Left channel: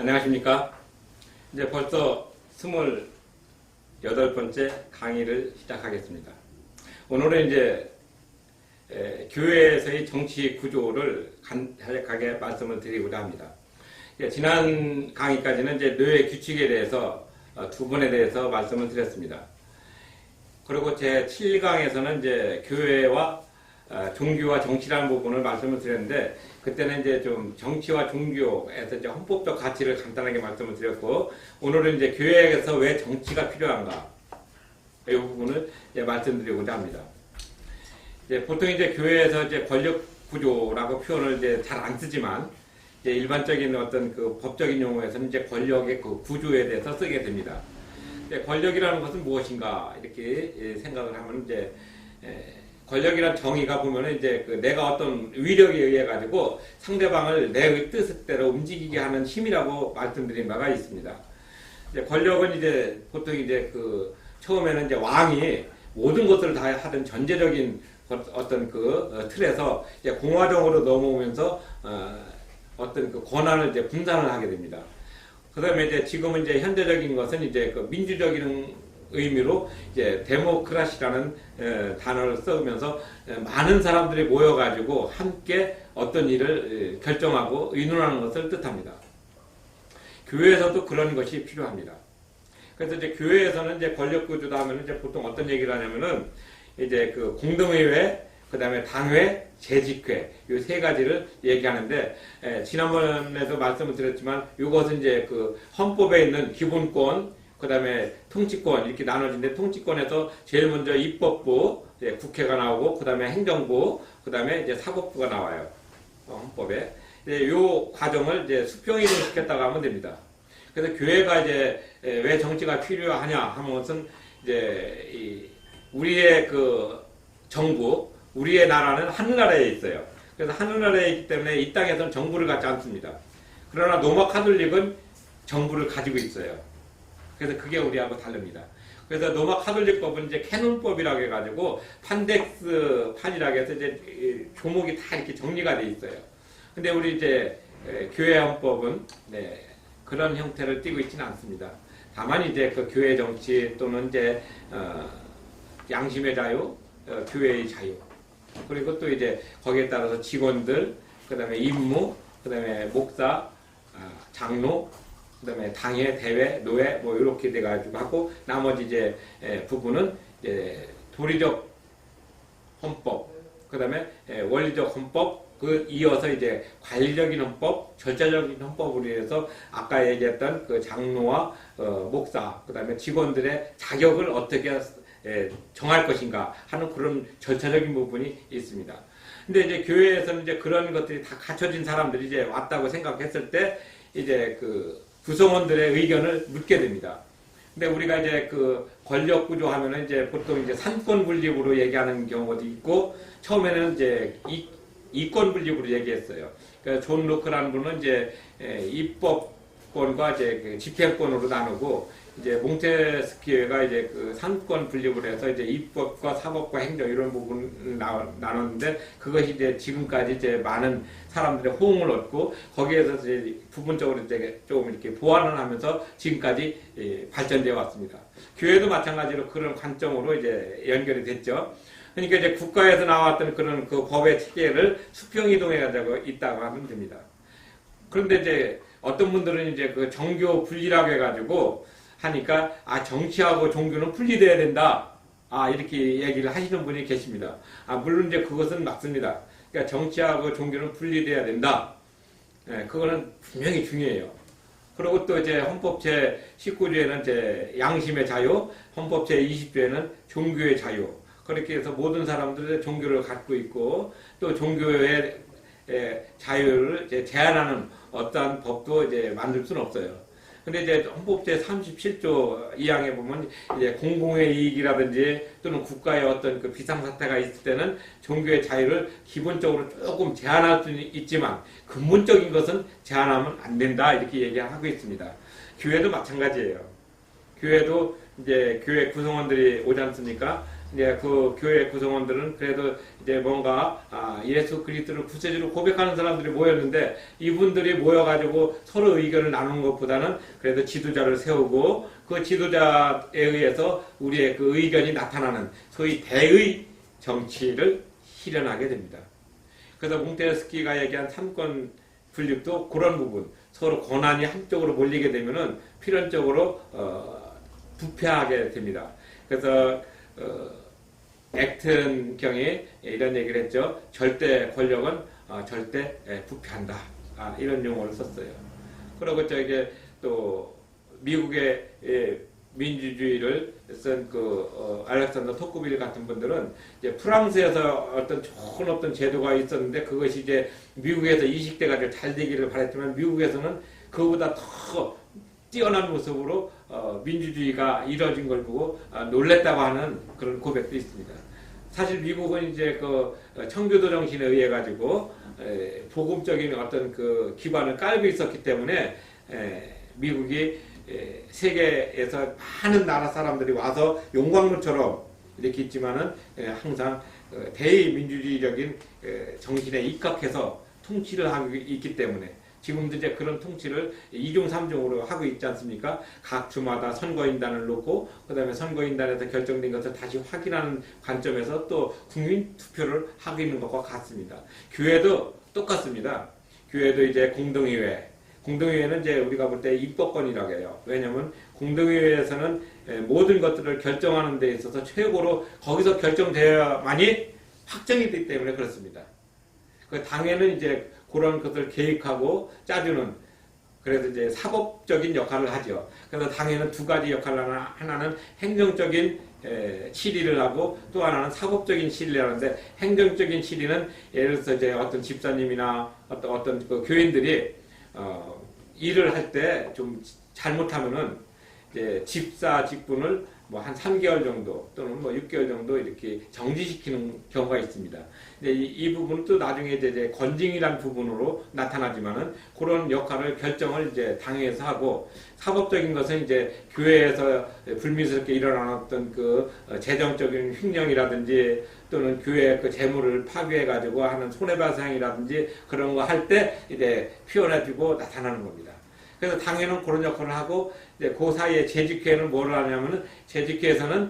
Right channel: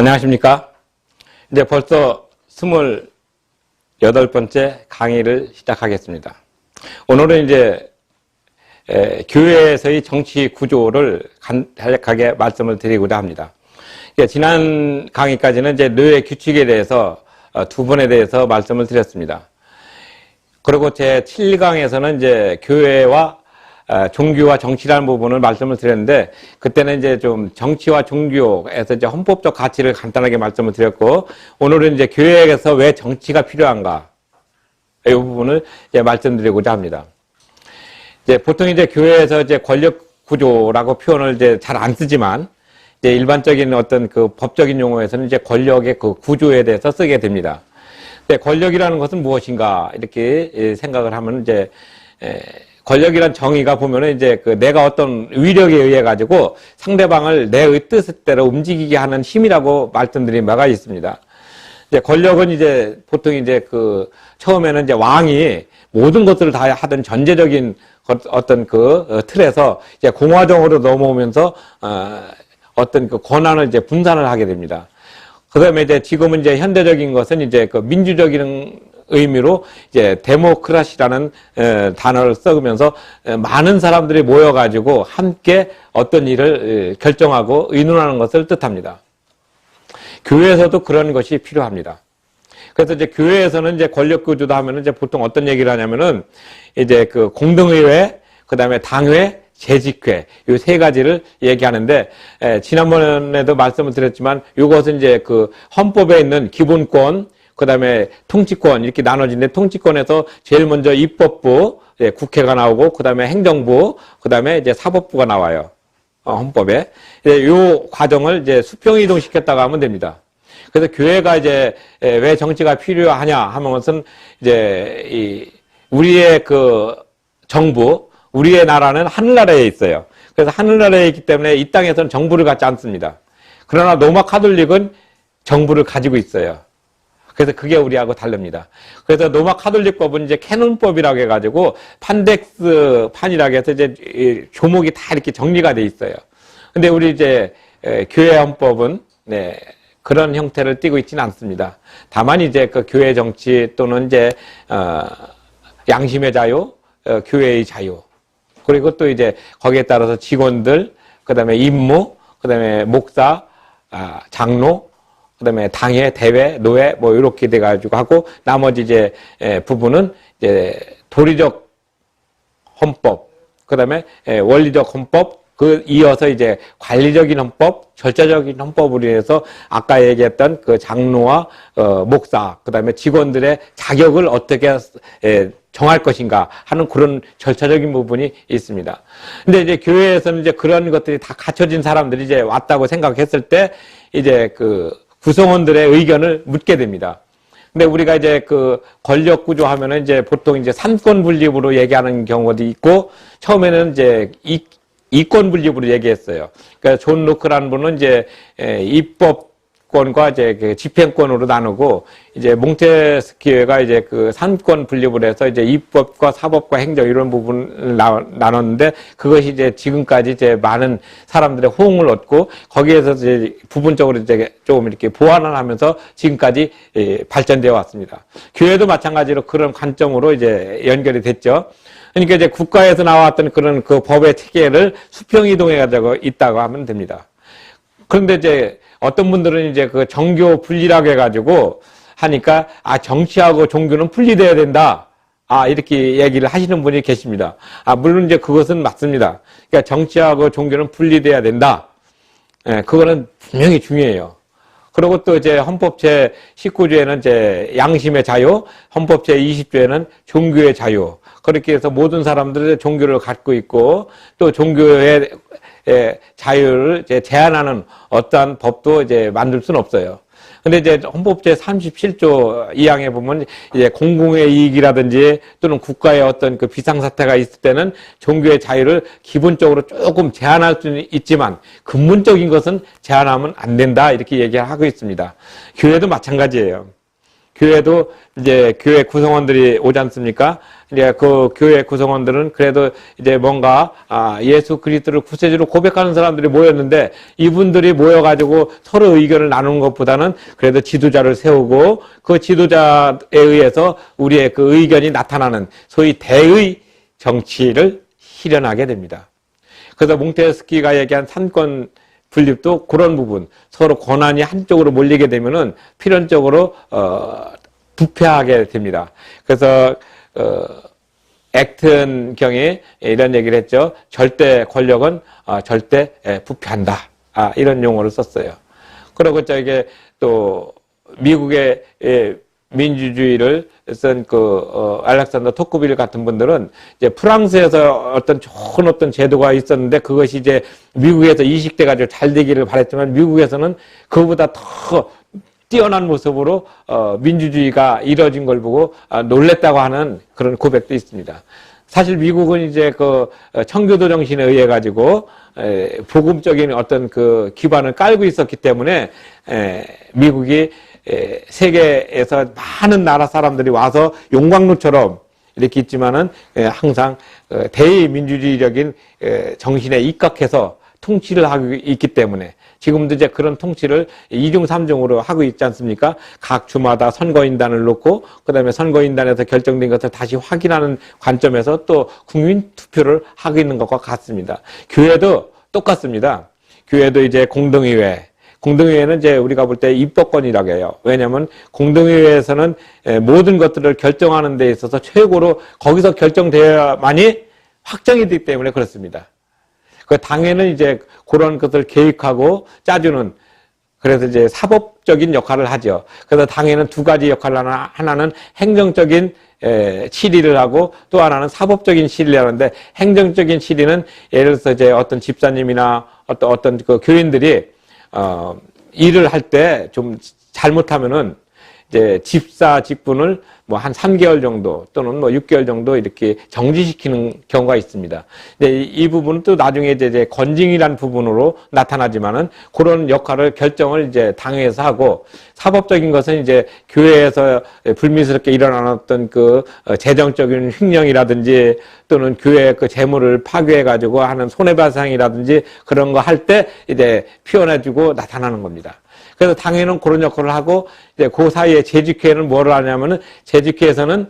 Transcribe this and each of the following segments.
안녕하십니까. 이제 벌써 28번째 강의를 시작하겠습니다. 오늘은 이제 교회에서의 정치 구조를 간략하게 말씀을 드리고자 합니다. 지난 강의까지는 이제 노예 규칙에 대해서 두 번에 대해서 말씀을 드렸습니다. 그리고 제 7강에서는 이제 교회와 종교와 정치라는 부분을 말씀을 드렸는데, 그때는 이제 좀 정치와 종교에서 이제 헌법적 가치를 간단하게 말씀을 드렸고, 오늘은 이제 교회에서 왜 정치가 필요한가, 이 부분을 이제 말씀드리고자 합니다. 이제 보통 이제 교회에서 이제 권력 구조라고 표현을 이제 잘 안 쓰지만, 이제 일반적인 어떤 그 법적인 용어에서는 이제 권력의 그 구조에 대해서 쓰게 됩니다. 근데 권력이라는 것은 무엇인가, 이렇게 생각을 하면 이제, 권력이란 정의가 보면은 이제 그 내가 어떤 위력에 의해 가지고 상대방을 내 뜻대로 움직이게 하는 힘이라고 말씀드린 바가 있습니다. 이제 권력은 이제 보통 이제 그 처음에는 이제 왕이 모든 것을 다 하던 전제적인 어떤 그 틀에서 이제 공화정으로 넘어오면서 어떤 그 권한을 이제 분산을 하게 됩니다. 그다음에 이제 지금은 이제 현대적인 것은 이제 그 민주적인 의미로 이제 데모크라시라는 단어를 써면서 많은 사람들이 모여가지고 함께 어떤 일을 결정하고 의논하는 것을 뜻합니다. 교회에서도 그런 것이 필요합니다. 그래서 이제 교회에서는 이제 권력 구조도 하면은 이제 보통 어떤 얘기를 하냐면은 이제 그 공동의회, 그 다음에 당회, 재직회, 이 세 가지를 얘기하는데, 지난번에도 말씀을 드렸지만 이것은 이제 그 헌법에 있는 기본권, 그 다음에 통치권 이렇게 나눠지는데, 통치권에서 제일 먼저 입법부, 국회가 나오고, 그 다음에 행정부, 그 다음에 이제 사법부가 나와요. 헌법에. 이 과정을 이제 수평이동시켰다고 하면 됩니다. 그래서 교회가 이제 왜 정치가 필요하냐 하면 것은 이제 우리의 그 정부, 우리의 나라는 하늘나라에 있어요. 그래서 하늘나라에 있기 때문에 이 땅에서는 정부를 갖지 않습니다. 그러나 로마 카톨릭은 정부를 가지고 있어요. 그래서 그게 우리하고 다릅니다. 그래서 로마 카톨릭법은 이제 캐논법이라고 해가지고 판덱스 판이라고 해서 이제 조목이 다 이렇게 정리가 돼 있어요. 근데 우리 이제 교회 헌법은 그런 형태를 띠고 있지는 않습니다. 다만 이제 그 교회 정치 또는 이제 양심의 자유, 교회의 자유, 그리고 또 이제 거기에 따라서 직원들, 그 다음에 임무, 그 다음에 목사, 장로, 그 다음에 당회, 대회, 노회, 뭐, 이렇게 돼가지고 하고, 나머지 이제, 부분은 이제, 도리적 헌법, 그 다음에, 원리적 헌법, 이어서 이제, 관리적인 헌법, 절차적인 헌법으로 인해서, 아까 얘기했던 그 장로와, 목사, 그 다음에 직원들의 자격을 어떻게, 정할 것인가 하는 그런 절차적인 부분이 있습니다. 근데 이제 교회에서는 이제 그런 것들이 다 갖춰진 사람들이 이제 왔다고 생각했을 때, 이제 구성원들의 의견을 묻게 됩니다. 근데 우리가 이제 그 권력 구조 하면은 이제 보통 이제 산권 분립으로 얘기하는 경우도 있고, 처음에는 이제 이권 분립으로 얘기했어요. 그러니까 존 로크라는 분은 이제 입법권과 이제 그 집행권으로 나누고, 이제 몽테스키에가 이제 그 산권 분립을 해서 이제 입법과 사법과 행정 이런 부분을 나눴는데, 그것이 이제 지금까지 이제 많은 사람들의 호응을 얻고, 거기에서 이제 부분적으로 이제 조금 이렇게 보완을 하면서 지금까지 발전되어 왔습니다. 교회도 마찬가지로 그런 관점으로 이제 연결이 됐죠. 그러니까 이제 국가에서 나왔던 그런 그 법의 체계를 수평이동해 가지고 있다고 하면 됩니다. 그런데 이제 어떤 분들은 이제 그 정교 분리라고 해가지고 하니까, 정치하고 종교는 분리돼야 된다. 이렇게 얘기를 하시는 분이 계십니다. 물론 이제 그것은 맞습니다. 그러니까 정치하고 종교는 분리돼야 된다. 그거는 분명히 중요해요. 그리고 또 이제 헌법 제 19조에는 이제 양심의 자유, 헌법 제 20조에는 종교의 자유. 그렇게 해서 모든 사람들의 종교를 갖고 있고, 또 종교의 자유를 이제 제한하는 어떠한 법도 이제 만들 수는 없어요. 근데 이제 헌법 제 37조 2항에 보면 이제 공공의 이익이라든지 또는 국가의 어떤 그 비상사태가 있을 때는 종교의 자유를 기본적으로 조금 제한할 수는 있지만 근본적인 것은 제한하면 안 된다, 이렇게 얘기하고 있습니다. 교회도 마찬가지예요. 교회도 이제 교회 구성원들이 오지 않습니까? 이제 그 교회 구성원들은 그래도 이제 뭔가 예수 그리스도를 구세주로 고백하는 사람들이 모였는데, 이분들이 모여가지고 서로 의견을 나누는 것보다는 그래도 지도자를 세우고 그 지도자에 의해서 우리의 그 의견이 나타나는 소위 대의 정치를 실현하게 됩니다. 그래서 몽테스키가 얘기한 삼권 분립도 그런 부분, 서로 권한이 한쪽으로 몰리게 되면은 필연적으로 부패하게 됩니다. 그래서 액튼 경이 이런 얘기를 했죠. 절대 권력은 절대 부패한다. 이런 용어를 썼어요. 그리고 저게 또 미국의 민주주의를 쓴 알렉산더 토크빌 같은 분들은 이제 프랑스에서 좋은 어떤 제도가 있었는데, 그것이 이제 미국에서 이식돼 가지고 잘 되기를 바랬지만, 미국에서는 그보다 더 뛰어난 모습으로 민주주의가 이루어진 걸 보고 놀랬다고 하는 그런 고백도 있습니다. 사실 미국은 이제 청교도 정신에 의해 가지고 복음적인 어떤 그 기반을 깔고 있었기 때문에 미국이 세계에서 많은 나라 사람들이 와서 용광로처럼 이렇게 있지만은 항상 대민주주의적인 정신에 입각해서 통치를 하고 있기 때문에, 지금도 이제 그런 통치를 2중 3중으로 하고 있지 않습니까? 각 주마다 선거인단을 놓고, 그 다음에 선거인단에서 결정된 것을 다시 확인하는 관점에서 또 국민 투표를 하고 있는 것과 같습니다. 교회도 똑같습니다. 교회도 이제 공동의회는 이제 우리가 볼 때 입법권이라고 해요. 왜냐하면 공동의회에서는 모든 것들을 결정하는 데 있어서 최고로 거기서 결정되어야만이 확정이 되기 때문에 그렇습니다. 그 당에는 이제 그런 것을 계획하고 짜주는, 그래서 이제 사법적인 역할을 하죠. 그래서 당에는 두 가지 역할을 하나는 행정적인 실의를 하고, 또 하나는 사법적인 실의를 하는데, 행정적인 실의는 예를 들어서 이제 어떤 집사님이나 어떤 그 교인들이 일을 할 때 좀 잘못하면은 이제 집사 직분을 뭐 한 3개월 정도 또는 뭐 6개월 정도 이렇게 정지시키는 경우가 있습니다. 이 부분은 또 나중에 이제 건징이라는 부분으로 나타나지만은, 그런 역할을 결정을 이제 당에서 하고, 사법적인 것은 이제 교회에서 불미스럽게 일어났던 그 재정적인 횡령이라든지 또는 교회의 그 재물을 파괴해 가지고 하는 손해배상이라든지 그런 거 할 때 이제 표현해주고 나타나는 겁니다. 그래서 당에는 그런 역할을 하고, 이제 그 사이에 재직회는 뭐를 하냐면은, 재직회에서는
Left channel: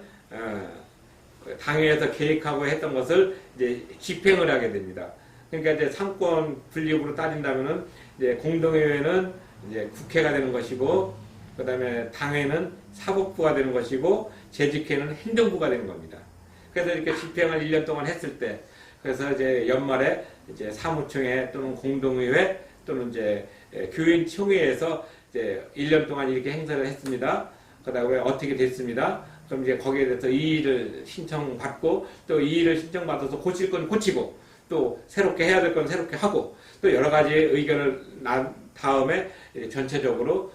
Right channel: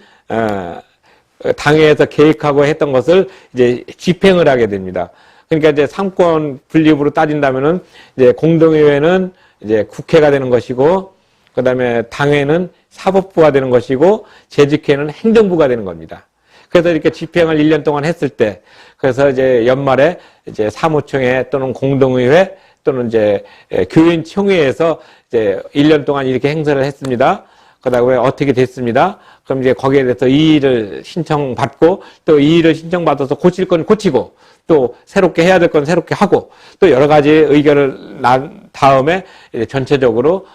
당회에서 계획하고 했던 것을 이제 집행을 하게 됩니다. 그러니까 이제 삼권 분립으로 따진다면은, 이제 공동의회는 이제 국회가 되는 것이고, 그 다음에 당회는 사법부가 되는 것이고, 재직회는 행정부가 되는 겁니다. 그래서 이렇게 집행을 1년 동안 했을 때, 그래서 이제 연말에 이제 사무총회 또는 공동의회 또는 이제 교인 총회에서 이제 1년 동안 이렇게 행사를 했습니다. 그다음에 어떻게 됐습니다. 그럼 이제 거기에 대해서 이의를 신청받고, 또 이의를 신청받아서 고칠 건 고치고, 또 새롭게 해야 될 건 새롭게 하고, 또 여러 가지 의견을 난 다음에 전체적으로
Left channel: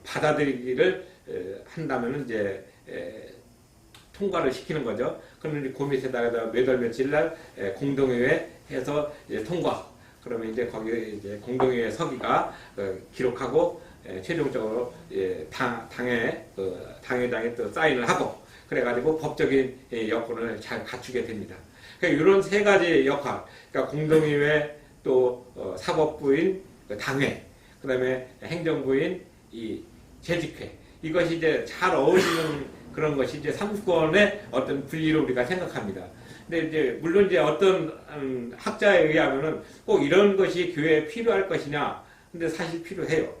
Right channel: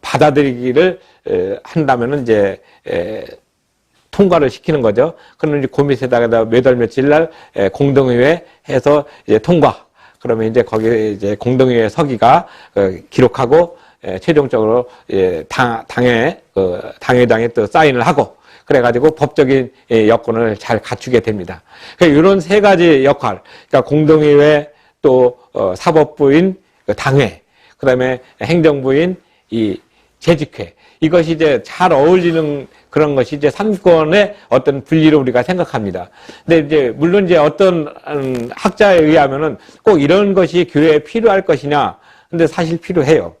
받아들이기를 한다면은 이제 통과를 시키는 거죠. 그러면 이제 그 밑에다가 몇 월 며칠 날 공동의회 해서 이제 통과. 그러면 이제 거기에 이제 공동의회 서기가 기록하고 최종적으로 당회장에 또 사인을 하고, 그래가지고 법적인 여건을 잘 갖추게 됩니다. 그러니까 이런 세 가지 역할, 그러니까 공동의회, 또 사법부인 당회, 그 다음에 행정부인 이 재직회, 이것이 이제 잘 어울리는 그런 것이 이제 삼권의 어떤 분리로 우리가 생각합니다. 근데 이제 물론 이제 어떤 학자에 의하면은 꼭 이런 것이 교회에 필요할 것이냐? 근데 사실 필요해요.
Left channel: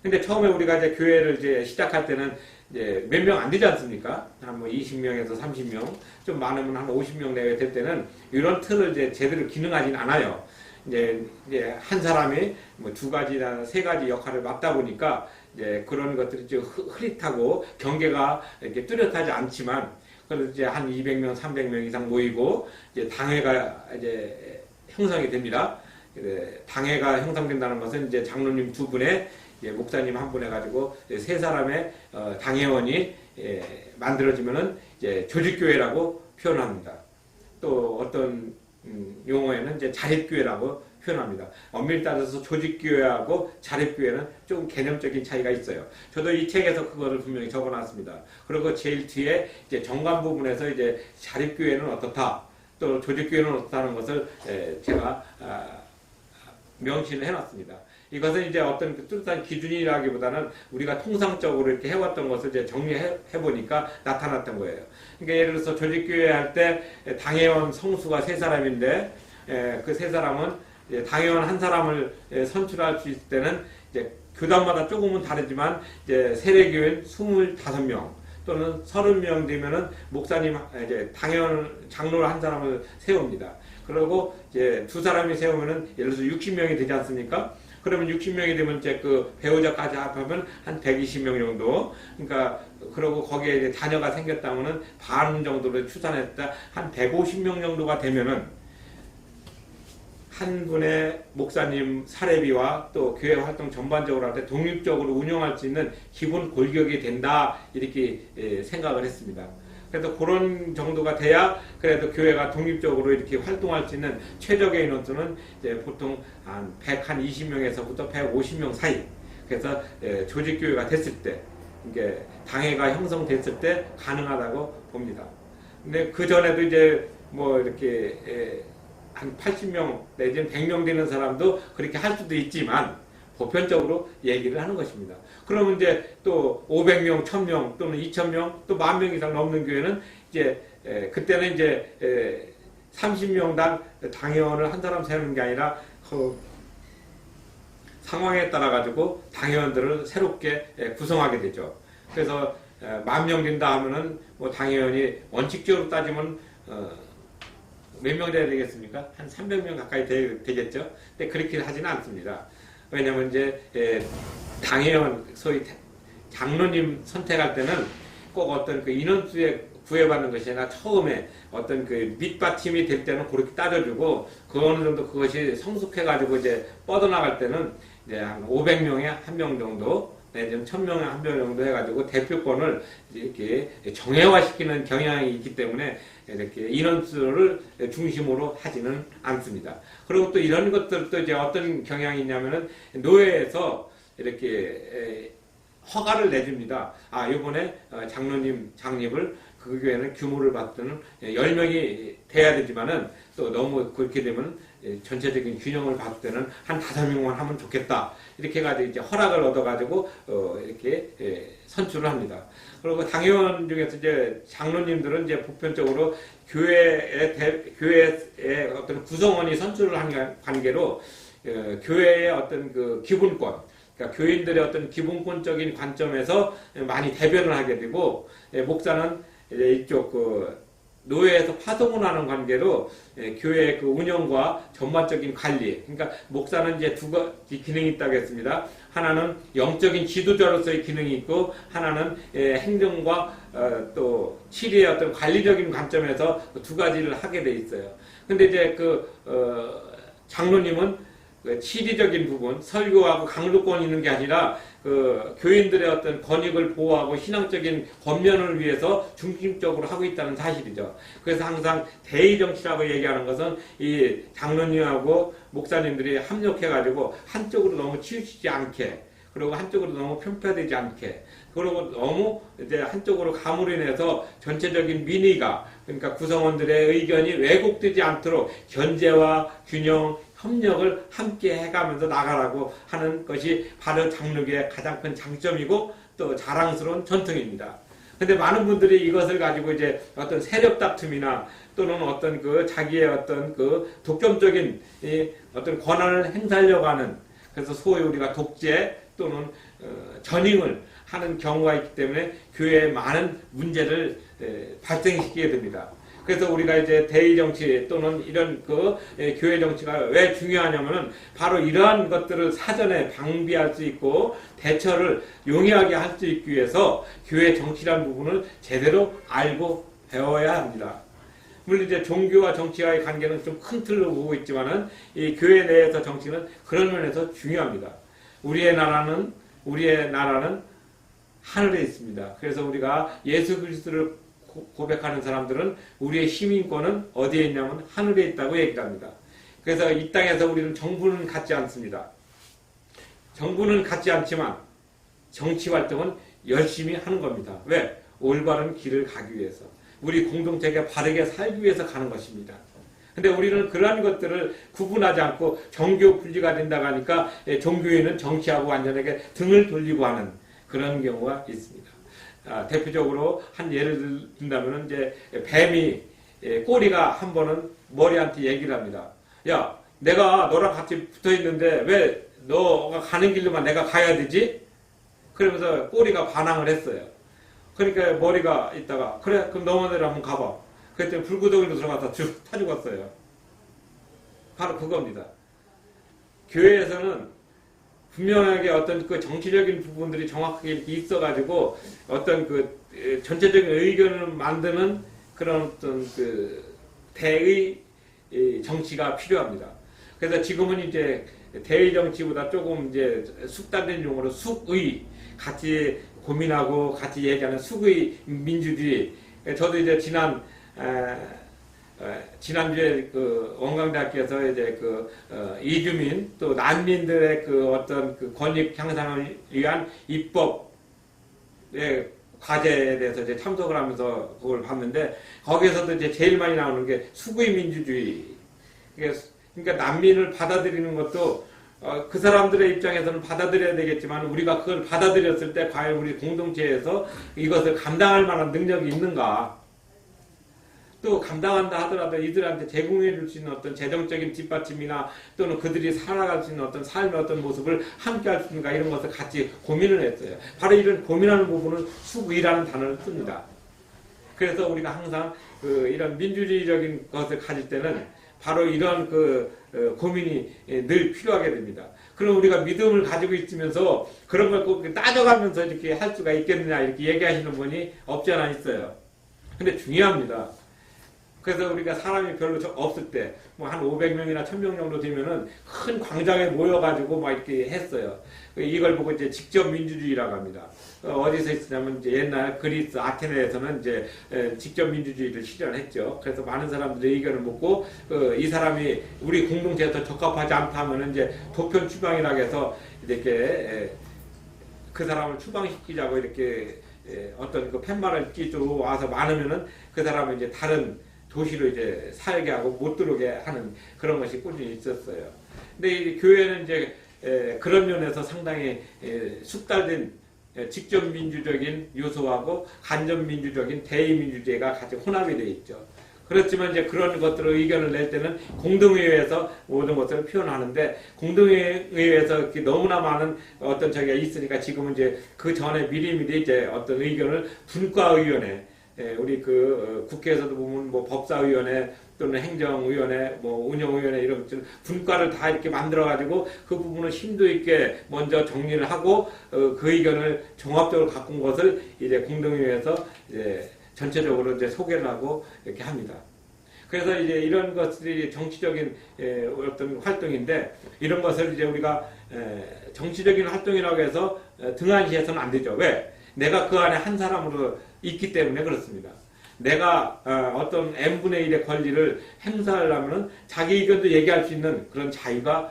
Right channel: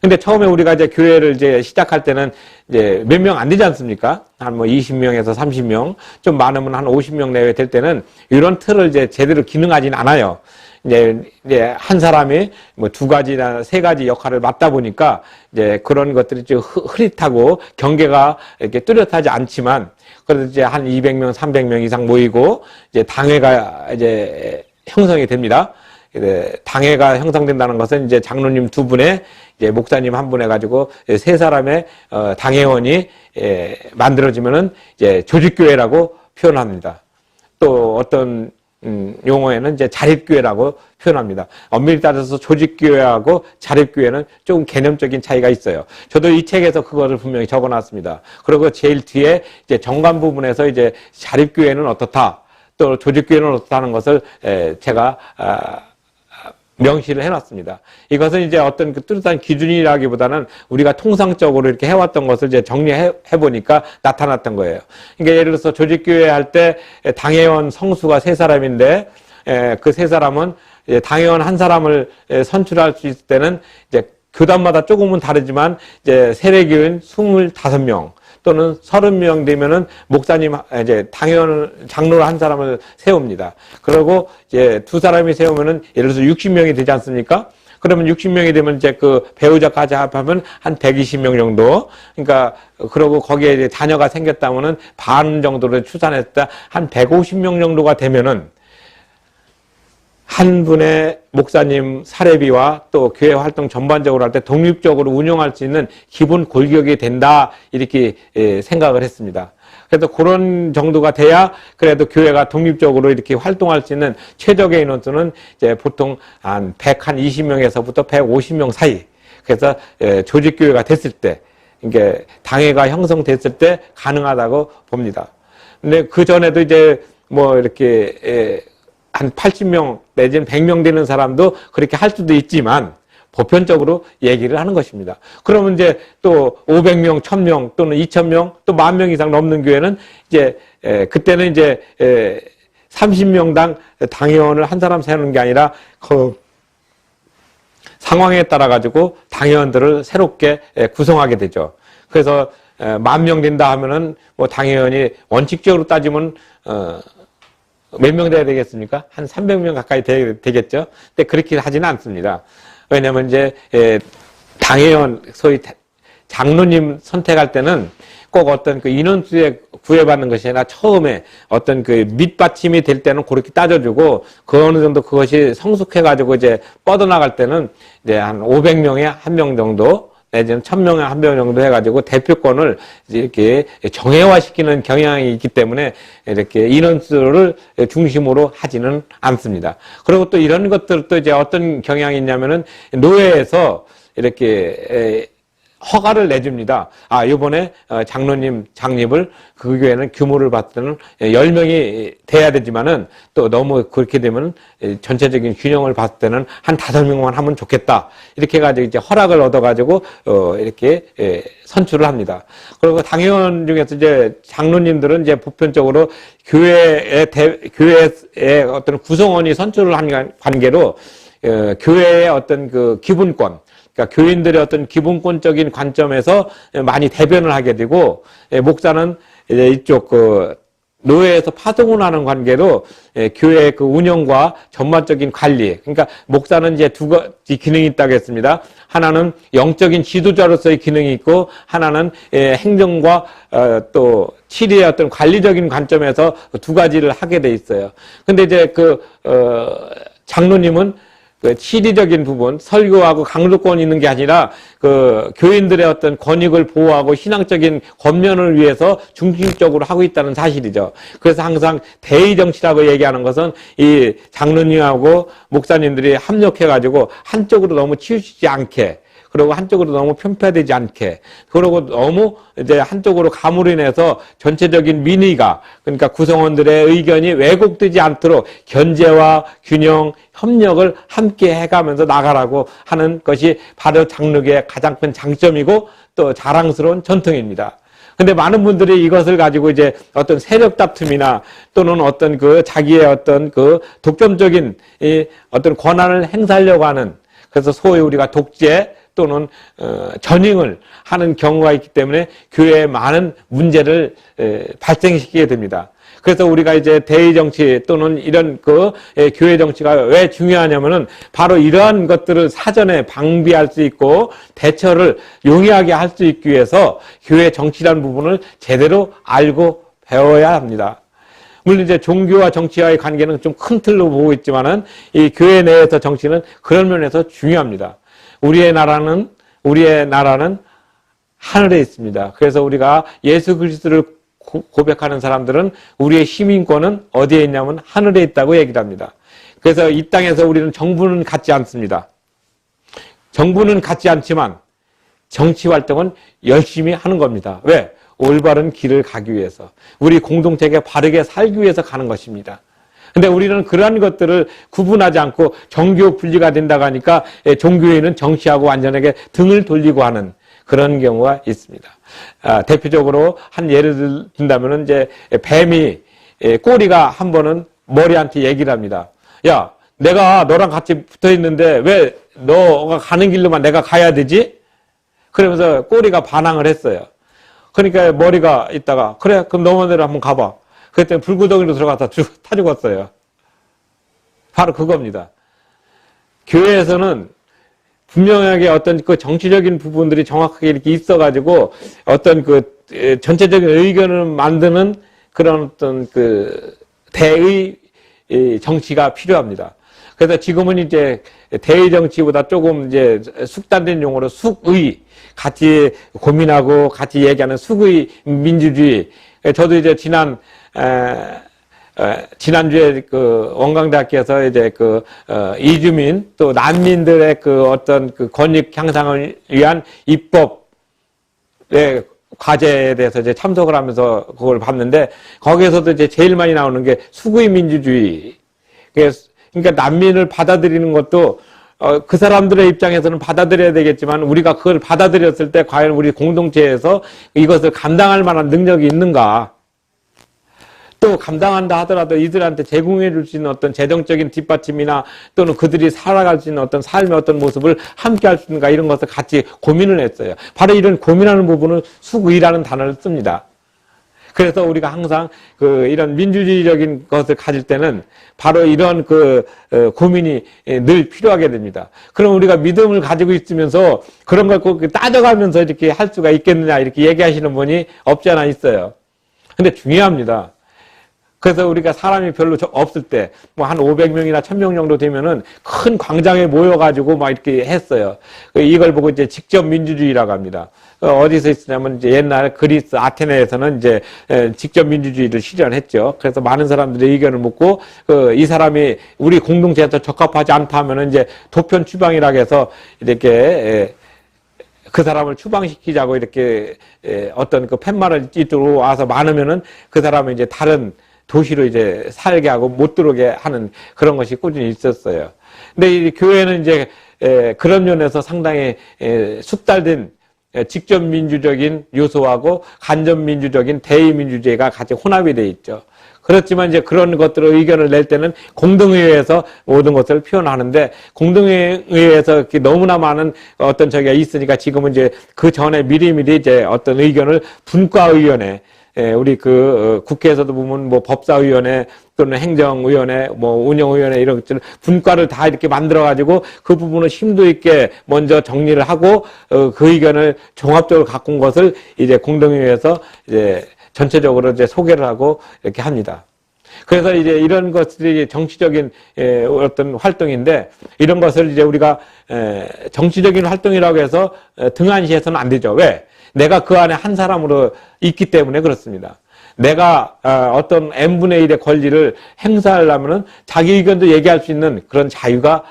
근데 처음에 우리가 이제 교회를 이제 시작할 때는 이제 몇 명 안 되지 않습니까? 한 뭐 20명에서 30명, 좀 많으면 한 50명 내외 될 때는 이런 틀을 이제 제대로 기능하진 않아요. 이제 한 사람이 뭐 2가지나 3가지 역할을 맡다 보니까 이제 그런 것들이 좀 흐릿하고 경계가 이렇게 뚜렷하지 않지만, 그래도 이제 한 200명, 300명 이상 모이고 이제 당회가 이제 형성이 됩니다. 당회가 형성된다는 것은 이제 장로님 2분에 이제 목사님 1분 해가지고 3사람의 당회원이 만들어지면은 이제 조직교회라고 표현합니다. 또 어떤 용어에는 이제 자립교회라고 표현합니다. 엄밀히 따져서 조직교회하고 자립교회는 조금 개념적인 차이가 있어요. 저도 이 책에서 그거를 분명히 적어놨습니다. 그리고 제일 뒤에 이제 정관 부분에서 이제 자립교회는 어떻다, 또 조직교회는 어떻다는 것을 제가 명시를 해놨습니다. 이것은 이제 어떤 그 뚜렷한 기준이라기보다는 우리가 통상적으로 이렇게 해왔던 것을 이제 정리해보니까 나타났던 거예요. 그러니까 예를 들어서 조직교회 할 때 당회원 성수가 3사람인데, 그 3사람은 당회원 한 사람을 선출할 수 있을 때는 이제 교단마다 조금은 다르지만 이제 세례교인 25명 또는 30명 되면은 목사님, 이제 당회원, 장로를 한 사람을 세웁니다. 그리고 이제 2사람이 세우면은 예를 들어서 60명이 되지 않습니까? 그러면 60명이 되면 이제 그 배우자까지 합하면 한 120명 정도. 그러니까, 그러고 거기에 이제 자녀가 생겼다면은 반 정도를 추산했다. 한 150명 정도가 되면은 한 분의 목사님 사례비와 또 교회 활동 전반적으로 할 때 독립적으로 운영할 수 있는 기본 골격이 된다, 이렇게 생각을 했습니다. 그래서 그런 정도가 돼야 그래도 교회가 독립적으로 이렇게 활동할 수 있는 최적의 인원수는 이제 보통 한 120명에서부터 150명 사이. 그래서 조직교회가 됐을 때, 이게 당회가 형성됐을 때 가능하다고 봅니다. 근데 그 전에도 이제 뭐 이렇게 한 80명 내지는 100명 되는 사람도 그렇게 할 수도 있지만 보편적으로 얘기를 하는 것입니다. 그러면 이제 또 500명, 1000명 또는 2000명 또 10,000명 이상 넘는 교회는 이제 그때는 이제 30명당 당회원을 한 사람 세우는 게 아니라 그 상황에 따라 가지고 당회원들을 새롭게 구성하게 되죠. 그래서 10,000명 된다 하면은 뭐 당회원이 원칙적으로 따지면 몇 명 돼야 되겠습니까? 한 300명 가까이 되겠죠? 근데 그렇게 하지는 않습니다. 왜냐면 이제, 당회원, 소위 장로님 선택할 때는 꼭 어떤 그 인원수에 구애받는 것이 아니라 처음에 어떤 그 밑받침이 될 때는 그렇게 따져주고 그 어느 정도 그것이 성숙해가지고 이제 뻗어나갈 때는 이제 한 500명에 1명 정도 내지는 1000명에 1명 정도 해가지고 대표권을 이렇게 정예화시키는 경향이 있기 때문에 이렇게 인원수를 중심으로 하지는 않습니다. 그리고 또 이런 것들도 이제 어떤 경향이 있냐면은 노회에서 이렇게 허가를 내줍니다. 아, 이번에 장로님 장립을 그 교회는 규모를 봤을 때는 10명이 돼야 되지만은 또 너무 그렇게 되면 전체적인 균형을 봤을 때는 한 5명만 하면 좋겠다. 이렇게 해가지고 이제 허락을 얻어가지고 이렇게 선출을 합니다. 그리고 당회원 중에서 이제 장로님들은 이제 보편적으로 교회의 어떤 구성원이 선출을 한 관계로 교회의 어떤 그 기본권, 그러니까 교인들의 어떤 기본권적인 관점에서 많이 대변을 하게 되고, 목사는 이제 이쪽 그 노회에서 파송을 하는 관계로 교회의 그 운영과 전반적인 관리, 그러니까 목사는 이제 두 가지 기능이 있다고 했습니다. 하나는 영적인 지도자로서의 기능이 있고, 하나는 행정과 또 치리의 어떤 관리적인 관점에서 두 가지를 하게 돼 있어요. 근데 이제 그 장로님은 그 치리적인 부분, 설교하고 강조권이 있는 게 아니라 그 교인들의 어떤 권익을 보호하고 신앙적인 권면을 위해서 중심적으로 하고 있다는 사실이죠. 그래서 항상 대의 정치라고 얘기하는 것은 이 장로님하고 목사님들이 합력해가지고 한쪽으로 너무 치우치지 않게, 그리고 한쪽으로 너무 편파되지 않게, 그리고 너무 이제 한쪽으로 감으로 인해서 전체적인 민의가, 그러니까 구성원들의 의견이 왜곡되지 않도록 견제와 균형, 협력을 함께 해가면서 나가라고 하는 것이 바로 장로교의 가장 큰 장점이고 또 자랑스러운 전통입니다. 근데 많은 분들이 이것을 가지고 이제 어떤 세력 다툼이나 또는 어떤 그 자기의 어떤 그 독점적인 이 어떤 권한을 행사하려고 하는, 그래서 소위 우리가 독재 또는 전횡을 하는 경우가 있기 때문에 교회에 많은 문제를 발생시키게 됩니다. 그래서 우리가 이제 대의 정치 또는 이런 그 교회 정치가 왜 중요하냐면은 바로 이러한 것들을 사전에 방비할 수 있고 대처를 용이하게 할 수 있기 위해서 교회 정치라는 부분을 제대로 알고 배워야 합니다. 물론 이제 종교와 정치와의 관계는 좀 큰 틀로 보고 있지만은 이 교회 내에서 정치는 그런 면에서 중요합니다. 우리의 나라는 하늘에 있습니다. 그래서 우리가 예수 그리스도를 고백하는 사람들은 우리의 시민권은 어디에 있냐면 하늘에 있다고 얘기를 합니다. 그래서 이 땅에서 우리는 정부는 갖지 않습니다. 정부는 갖지 않지만 정치 활동은 열심히 하는 겁니다. 왜? 올바른 길을 가기 위해서. 우리 공동체가 바르게 살기 위해서 가는 것입니다. 근데 우리는 그러한 것들을 구분하지 않고 종교 분리가 된다고 하니까 종교에는 정치하고 완전하게 등을 돌리고 하는 그런 경우가 있습니다. 대표적으로 한 예를 든다면 이제 뱀이 꼬리가 한 번은 머리한테 얘기를 합니다. 야, 내가 너랑 같이 붙어 있는데 왜 너가 가는 길로만 내가 가야 되지? 그러면서 꼬리가 반항을 했어요. 그러니까 머리가 있다가 그래 그럼 너만 대로 한번 가봐. 그랬더니 불구덩이로 들어가서 타 죽었어요. 바로 그겁니다. 교회에서는 분명하게 어떤 그 정치적인 부분들이 정확하게 이렇게 있어가지고 어떤 그 전체적인 의견을 만드는 그런 어떤 그 대의 정치가 필요합니다. 그래서 지금은 이제 대의 정치보다 조금 이제 숙단된 용어로 숙의, 같이 고민하고 같이 얘기하는 숙의 민주주의. 저도 이제 지난주에 그 원광대학교에서 이제 그 이주민 또 난민들의 그 어떤 그 권익 향상을 위한 입법의 과제에 대해서 이제 참석을 하면서 그걸 봤는데 거기에서도 이제 제일 많이 나오는 게 수구의 민주주의. 그러니까 난민을 받아들이는 것도 그 사람들의 입장에서는 받아들여야 되겠지만 우리가 그걸 받아들였을 때 과연 우리 공동체에서 이것을 감당할 만한 능력이 있는가? 또 감당한다 하더라도 이들한테 제공해 줄 수 있는 어떤 재정적인 뒷받침이나 또는 그들이 살아갈 수 있는 어떤 삶의 어떤 모습을 함께 할 수 있는가 이런 것을 같이 고민을 했어요. 바로 이런 고민하는 부분은 수의라는 단어를 씁니다. 그래서 우리가 항상 이런 민주주의적인 것을 가질 때는 바로 이런 고민이 늘 필요하게 됩니다. 그럼 우리가 믿음을 가지고 있으면서 그런 걸 꼭 따져가면서 이렇게 할 수가 있겠느냐 이렇게 얘기하시는 분이 없지 않아 있어요. 근데 중요합니다. 그래서 우리가 사람이 별로 없을 때, 뭐 한 500명이나 1000명 정도 되면은 큰 광장에 모여가지고 막 이렇게 했어요. 이걸 보고 이제 직접 민주주의라고 합니다. 어디서 있었냐면 이제 옛날 그리스 아테네에서는 이제 직접 민주주의를 실현했죠. 그래서 많은 사람들의 의견을 묻고 이 사람이 우리 공동체에 적합하지 않다 하면은 이제 도편 추방이라고 해서 이렇게 그 사람을 추방시키자고 이렇게 어떤 그 팻말을 찌들어 와서 많으면은 그 사람을 이제 다른 도시로 이제 살게 하고 못 들어오게 하는 그런 것이 꾸준히 있었어요. 근데 이 교회는 이제 그런 면에서 상당히 숙달된 직접 민주적인 요소하고 간접 민주적인 대의 민주주의가 같이 혼합이 되어 있죠. 그렇지만 이제 그런 것들을 의견을 낼 때는 공동회의에서 모든 것을 표현하는데 공동회의에서 이렇게 너무나 많은 어떤 저기가 있으니까 지금은 이제 그 전에 미리미리 이제 어떤 의견을 분과의원회 우리 국회에서도 보면 뭐 법사위원회 또는 행정위원회, 뭐 운영위원회 이런 것들 분과를 다 이렇게 만들어가지고 그 부분을 심도 있게 먼저 정리를 하고 그 의견을 종합적으로 갖고 온 것을 이제 공동회의에서 이제 전체적으로 이제 소개를 하고 이렇게 합니다. 그래서 이제 이런 것들이 정치적인 어떤 활동인데 이런 것을 이제 우리가 정치적인 활동이라고 해서 등한시해서는 안 되죠. 왜? 내가 그 안에 한 사람으로 있기 때문에 그렇습니다. 내가 어떤 n분의 1의 권리를 행사하려면 자기 의견도 얘기할 수 있는 그런 자유가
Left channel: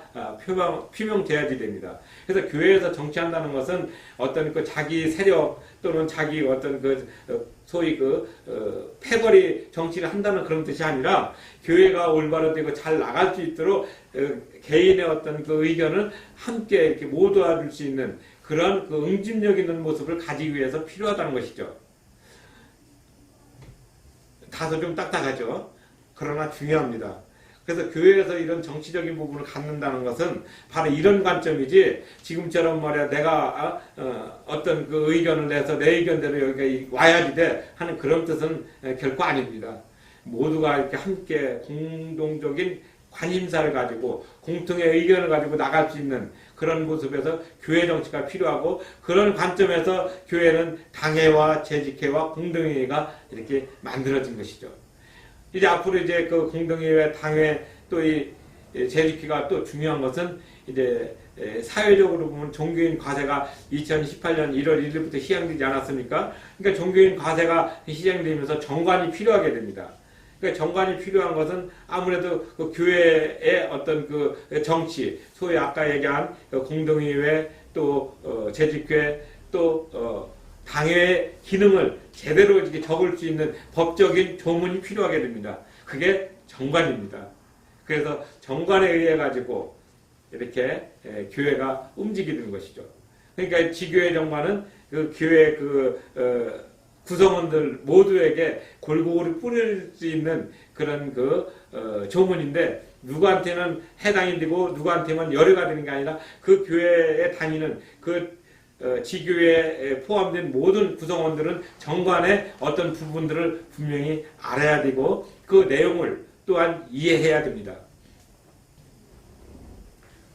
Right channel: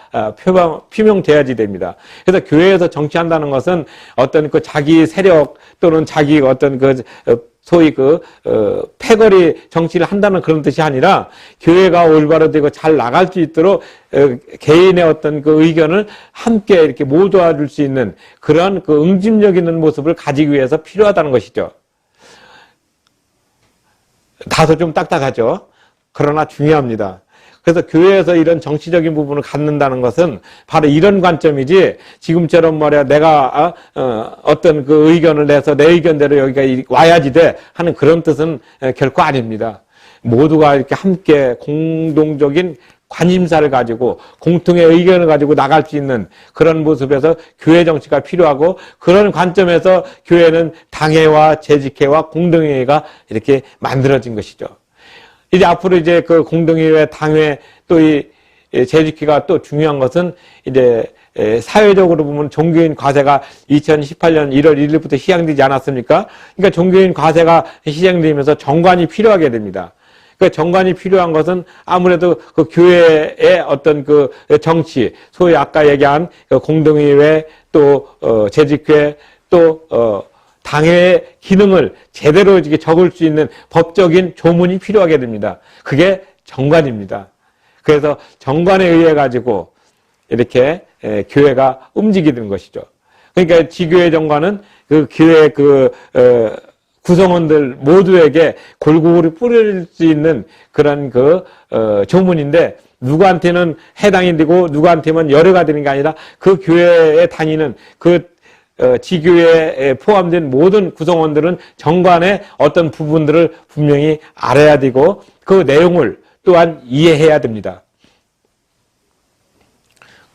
표명돼야지 됩니다. 그래서 교회에서 정치한다는 것은 어떤 그 자기 세력 또는 자기 어떤 소위 패거리 정치를 한다는 그런 뜻이 아니라 교회가 올바로 되고 잘 나갈 수 있도록 개인의 어떤 그 의견을 함께 이렇게 모두와 줄 수 있는 그런 응집력 있는 모습을 가지기 위해서 필요하다는 것이죠. 다소 좀 딱딱하죠. 그러나 중요합니다. 그래서 교회에서 이런 정치적인 부분을 갖는다는 것은 바로 이런 관점이지 지금처럼 말이야 내가 어떤 그 의견을 내서 내 의견대로 여기가 와야지 돼 하는 그런 뜻은 결코 아닙니다. 모두가 이렇게 함께 공동적인 관심사를 가지고 공통의 의견을 가지고 나갈 수 있는 그런 모습에서 교회 정치가 필요하고 그런 관점에서 교회는 당회와 재직회와 공동회의가 이렇게 만들어진 것이죠. 이제 앞으로 이제 그 공동회의 당회 또 이 재직회가 또 중요한 것은 이제 사회적으로 보면 종교인 과세가 2018년 1월 1일부터 시행되지 않았습니까? 그러니까 종교인 과세가 시행되면서 정관이 필요하게 됩니다. 그러니까 정관이 필요한 것은 아무래도 그 교회의 어떤 그 정치, 소위 아까 얘기한 공동의회, 또 재직회, 또 당회의 기능을 제대로 이렇게 적을 수 있는 법적인 조문이 필요하게 됩니다. 그게 정관입니다. 그래서 정관에 의해 가지고 이렇게 교회가 움직이는 것이죠. 그러니까 지교회 정관은 그 교회 구성원들 모두에게 골고루 뿌릴 수 있는 그런 조문인데, 누구한테는 해당이 되고 누구한테는 열애가 되는 게 아니라 그 교회에 다니는 지교회에 포함된 모든 구성원들은 정관의 어떤 부분들을 분명히 알아야 되고 그 내용을 또한 이해해야 됩니다.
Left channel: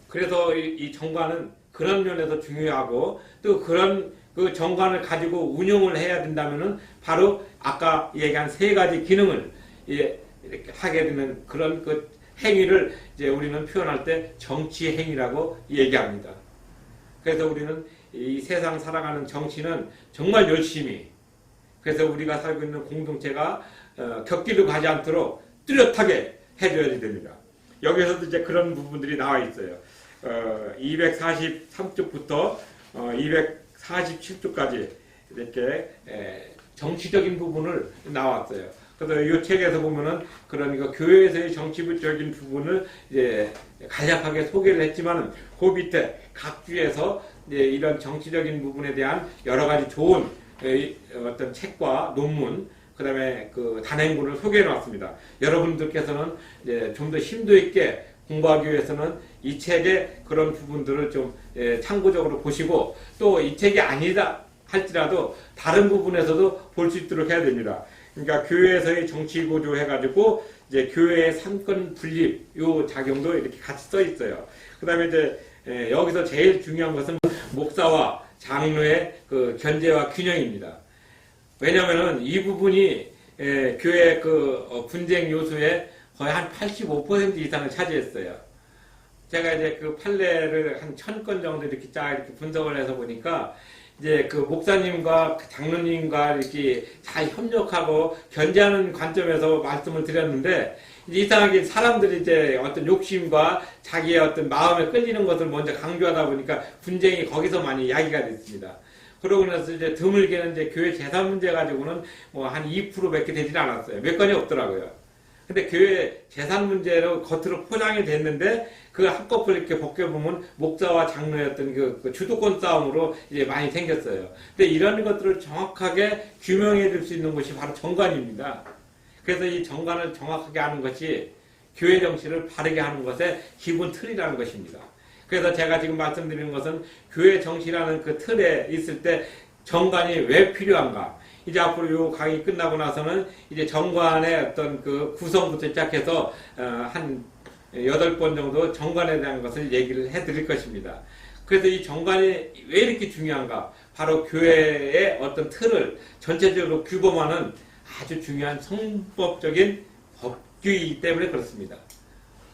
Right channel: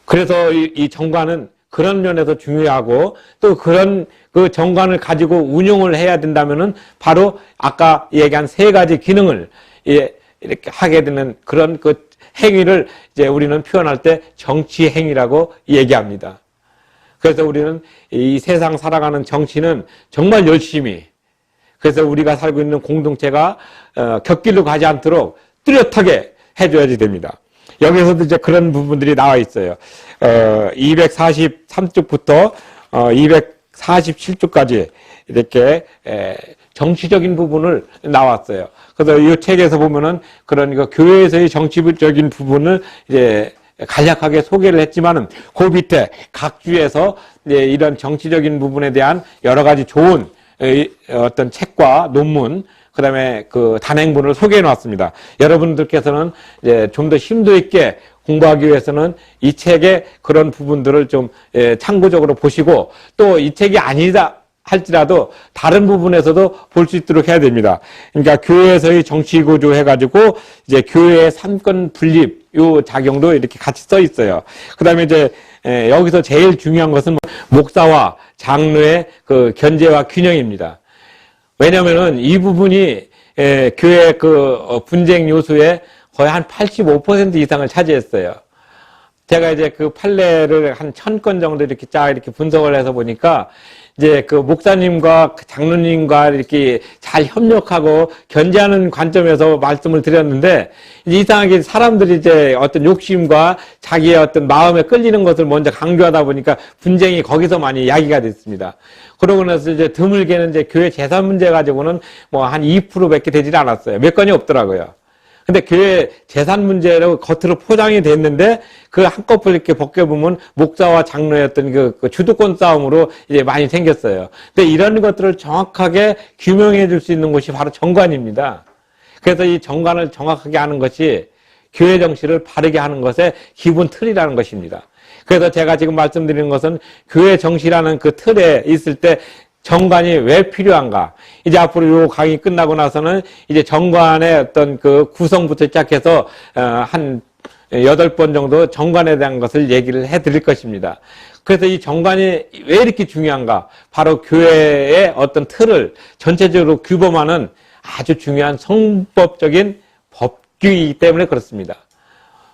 그래서 이 정관은 그런 면에서 중요하고, 또 그런 그 정관을 가지고 운용을 해야 된다면은 바로 아까 얘기한 세 가지 기능을 이렇게 하게 되는 그런 그 행위를 이제 우리는 표현할 때 정치 행위라고 얘기합니다. 그래서 우리는 이 세상 살아가는 정치는 정말 열심히, 그래서 우리가 살고 있는 공동체가 곁길로 가지 않도록 뚜렷하게 해줘야지 됩니다. 여기서도 이제 그런 부분들이 나와 있어요. 243쪽부터 247쪽까지 이렇게 정치적인 부분을 나왔어요. 그래서 이 책에서 보면은 그런 교회에서의 정치적인 부분을 이제 간략하게 소개를 했지만은 그 밑에 각 주에서 이런 정치적인 부분에 대한 여러 가지 좋은 어떤 책과 논문, 그 다음에 그 단행본을 소개해 놨습니다. 여러분들께서는 이제 좀 더 심도 있게 공부하기 위해서는 이 책의 그런 부분들을 좀 참고적으로 보시고, 또 이 책이 아니다 할지라도 다른 부분에서도 볼 수 있도록 해야 됩니다. 그러니까 교회에서의 정치 구조 해가지고 이제 교회의 삼권 분립 요 작용도 이렇게 같이 써 있어요. 그 다음에 이제 여기서 제일 중요한 것은 목사와 장로의 그 견제와 균형입니다. 왜냐면은 이 부분이 교회 분쟁 요소의 거의 한 85% 이상을 차지했어요. 제가 이제 그 판례를 한 1000건 정도 이렇게 이렇게 분석을 해서 보니까, 이제 그 목사님과 장로님과 이렇게 잘 협력하고 견제하는 관점에서 말씀을 드렸는데, 이상하게 사람들이 이제 어떤 욕심과 자기의 어떤 마음에 끌리는 것을 먼저 강조하다 보니까 분쟁이 거기서 많이 야기가 됐습니다. 그러고 나서 이제 드물게는 이제 교회 재산 문제 가지고는 뭐 한 2%밖에 되질 않았어요. 몇 건이 없더라고요. 근데 교회 재산 문제로 겉으로 포장이 됐는데, 그 한꺼풀 이렇게 벗겨보면 목사와 장로의 어떤 그 주도권 싸움으로 이제 많이 생겼어요. 근데 이런 것들을 정확하게 규명해 줄 수 있는 곳이 바로 정관입니다. 그래서 이 정관을 정확하게 하는 것이 교회 정치를 바르게 하는 것의 기본 틀이라는 것입니다. 그래서 제가 지금 말씀드리는 것은 교회 정치라는 그 틀에 있을 때 정관이 왜 필요한가? 이제 앞으로 요 강의 끝나고 나서는 이제 정관의 어떤 그 구성부터 시작해서 한 8번 정도 정관에 대한 것을 얘기를 해 드릴 것입니다. 그래서 이 정관이 왜 이렇게 중요한가? 바로 교회의 어떤 틀을 전체적으로 규범하는 아주 중요한 성법적인 법규이기 때문에 그렇습니다.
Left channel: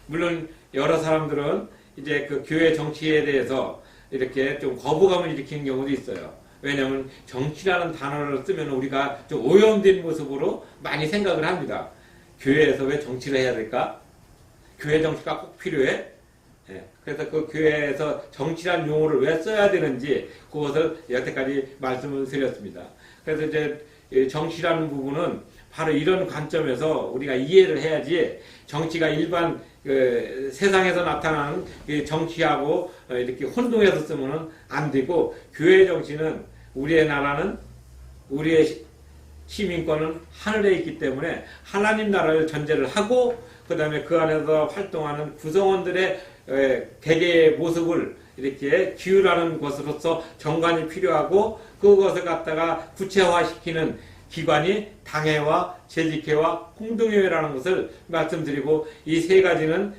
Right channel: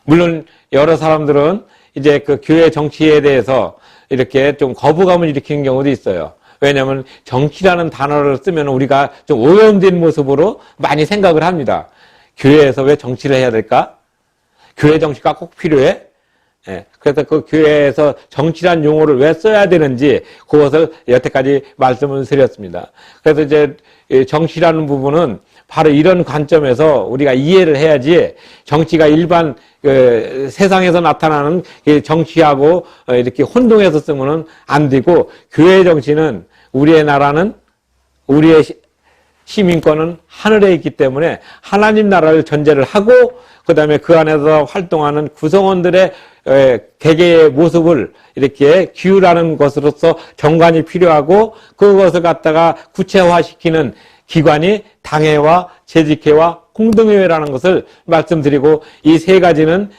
물론 여러 사람들은 이제 그 교회 정치에 대해서 이렇게 좀 거부감을 일으키는 경우도 있어요. 왜냐하면 정치라는 단어를 쓰면 우리가 좀 오염된 모습으로 많이 생각을 합니다. 교회에서 왜 정치를 해야 될까? 교회 정치가 꼭 필요해? 그래서 그 교회에서 정치란 용어를 왜 써야 되는지 그것을 여태까지 말씀을 드렸습니다. 그래서 이제 정치라는 부분은 바로 이런 관점에서 우리가 이해를 해야지, 정치가 일반 세상에서 나타나는 정치하고 이렇게 혼동해서 쓰면은 안 되고, 교회 정치는 우리의 나라는, 우리의 시민권은 하늘에 있기 때문에 하나님 나라를 전제를 하고, 그 다음에 그 안에서 활동하는 구성원들의 개개의 모습을 이렇게 기울하는 것으로서 정관이 필요하고, 그것을 갖다가 구체화시키는 기관이 당회와 재직회와 공동회라는 것을 말씀드리고, 이 세 가지는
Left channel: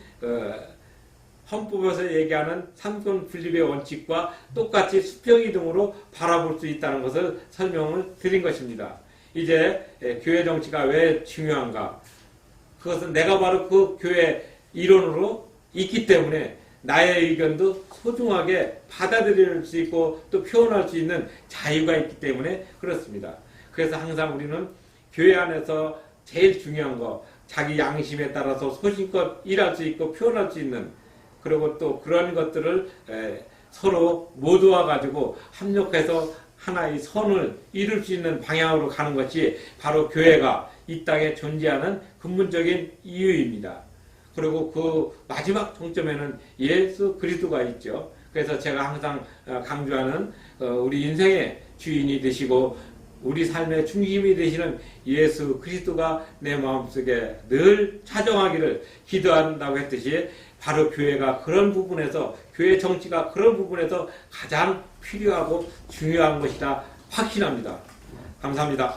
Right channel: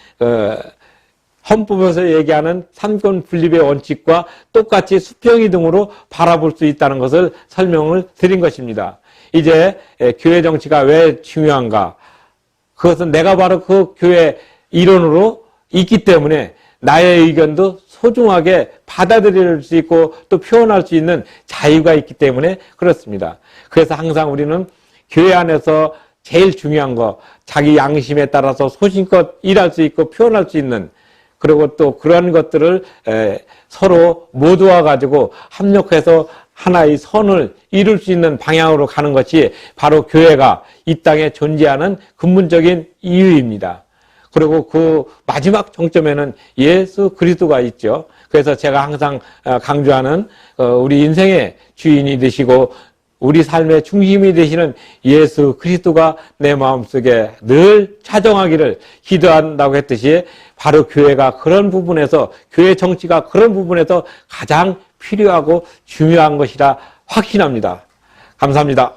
헌법에서 얘기하는 삼권 분립의 원칙과 똑같이 수평이 등으로 바라볼 수 있다는 것을 설명을 드린 것입니다. 이제 교회 정치가 왜 중요한가? 그것은 내가 바로 그 교회 일원으로 있기 때문에 나의 의견도 소중하게 받아들일 수 있고 또 표현할 수 있는 자유가 있기 때문에 그렇습니다. 그래서 항상 우리는 교회 안에서 제일 중요한 거, 자기 양심에 따라서 소신껏 일할 수 있고 표현할 수 있는, 그리고 또 그런 것들을 서로 모두와 가지고 합력해서 하나의 선을 이룰 수 있는 방향으로 가는 것이 바로 교회가 이 땅에 존재하는 근본적인 이유입니다. 그리고 그 마지막 정점에는 예수 그리스도가 있죠. 그래서 제가 항상 강조하는 우리 인생의 주인이 되시고 우리 삶의 중심이 되시는 예수 그리스도가 내 마음속에 늘 차정하기를 기도한다고 했듯이 바로 교회가 그런 부분에서, 교회 정치가 그런 부분에서 가장 필요하고 중요한 것이라 확신합니다. 감사합니다.